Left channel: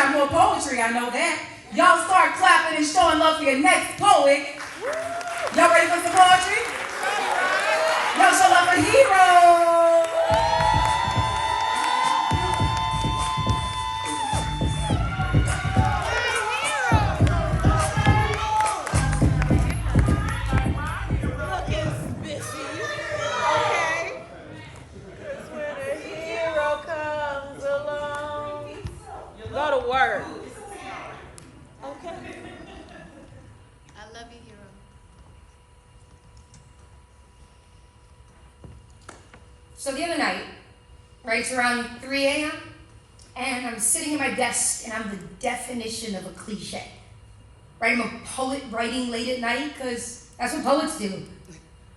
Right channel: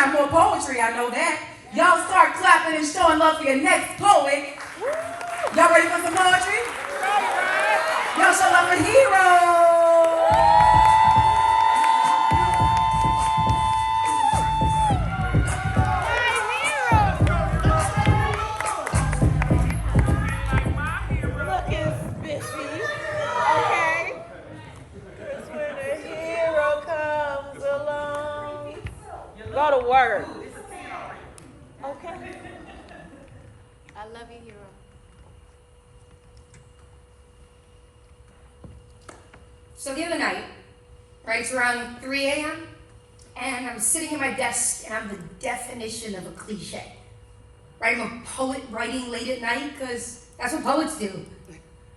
out more poetry, I know that. Y'all start clapping and showing love for your next poet. Y'all ready for some poetry? Y'all show love for Hero. Go to work. Okay. I love you, Hero. So the other night, right, it's around 3 a.m., and I'm sitting at my desk, and I'm the definition of a cliche. Right, I'm a poet writing late at night, because that's what poets do.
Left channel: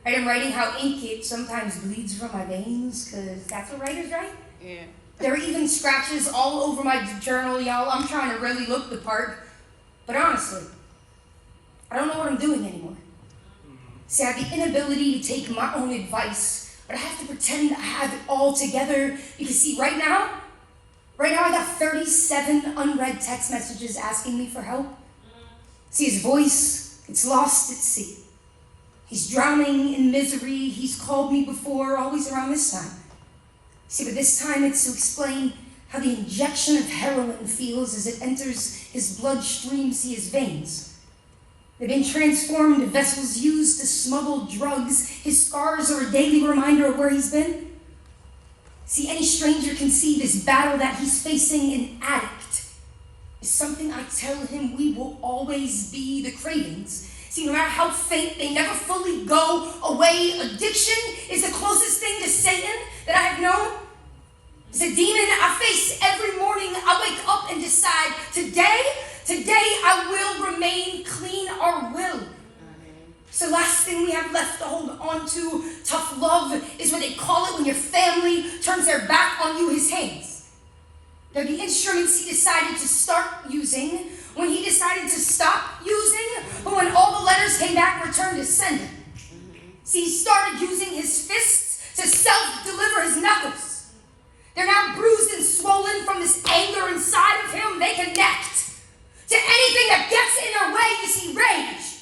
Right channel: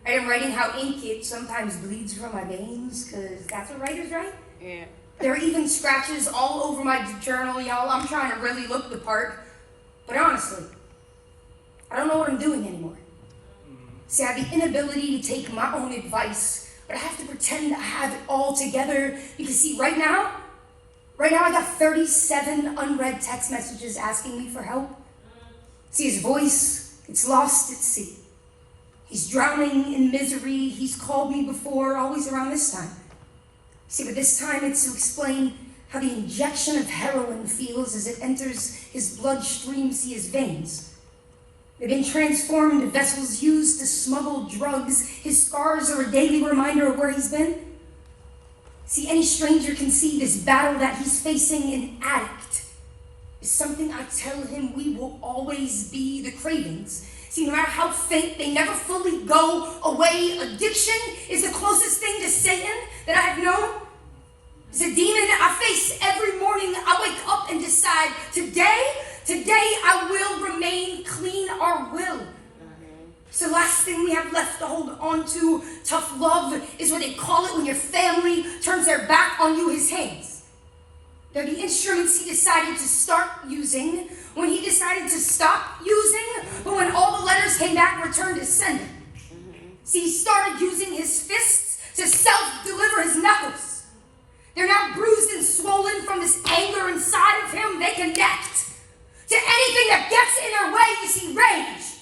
Right, I'm writing how ink it sometimes bleeds from my veins, because that's what writers write. Yeah. There are even scratches all over my journal, y'all. I'm trying to really look the part. But honestly, I don't know what I'm doing anymore. See, I have the inability to take my own advice, but I have to pretend I have it all together. Because see, right now I got 37 unread text messages asking me for help. See, his voice, it's lost at sea. He's drowning in misery. He's called me before, always around this time. See, but this time it's to explain how the injection of heroin feels as it enters his bloodstream, see his veins. They've been transformed to vessels used to smuggle drugs. His scars are a daily reminder of where he's been. See, any stranger can see this battle that he's facing. An addict is something I tell him we will always be, the cravings. See, no matter how faint, they never fully go away. Addiction is the closest thing to Satan that I have known. It's a demon I face every morning. I wake up and decide, today I will remain clean, or will. It's the last thing we have left to hold on to. Tough love is what they call it when your family turns their back on you, his hands. They're the instruments he decided to start using, when he decided to stop using, but when all the letters came back, returned to sender. See, he started using his fists to self-deliver his knuckles. They're now bruised and swollen from this anger inside of him. They connect to anything that gets in their way. You see, rage.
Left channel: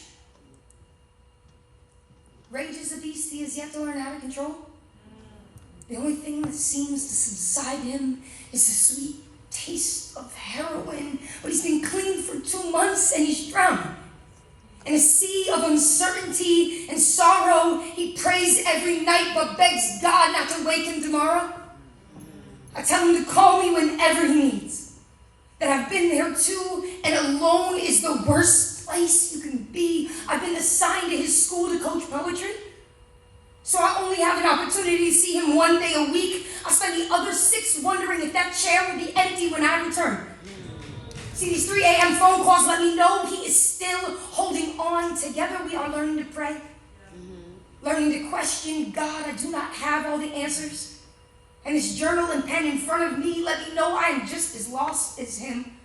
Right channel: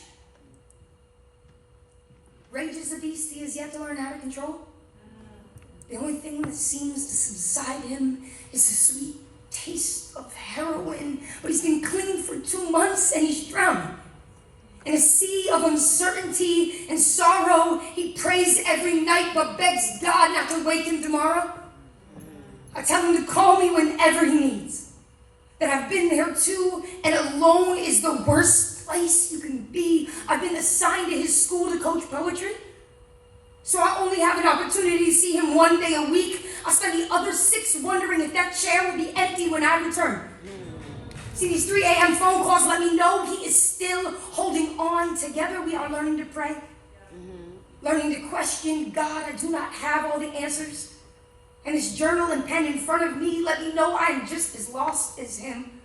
Rage is a beast he has yet to learn how to control. The only thing that seems to subside him is the sweet taste of heroin. But he's been clean for 2 months and he's drowning. In a sea of uncertainty and sorrow, he prays every night but begs God not to wake him tomorrow. I tell him to call me whenever he needs. That I've been there too, and alone is the worst place you can be. I've been assigned to his school to coach poetry. So I only have an opportunity to see him 1 day a week. I spend the other 6 wondering if that chair will be empty when I return. See, these 3 a.m. phone calls let me know he is still holding on. Together we are learning to pray, learning to question God. I do not have all the answers. And this journal and pen in front of me let me know I am just as lost as him.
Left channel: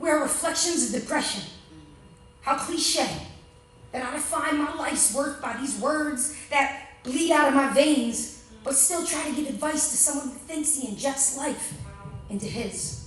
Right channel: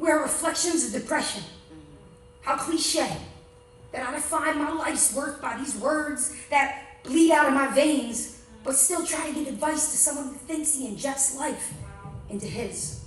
We are reflections of depression. How cliche that I define my life's worth by these words that bleed out of my veins, but still try to give advice to someone who thinks he injects life into his.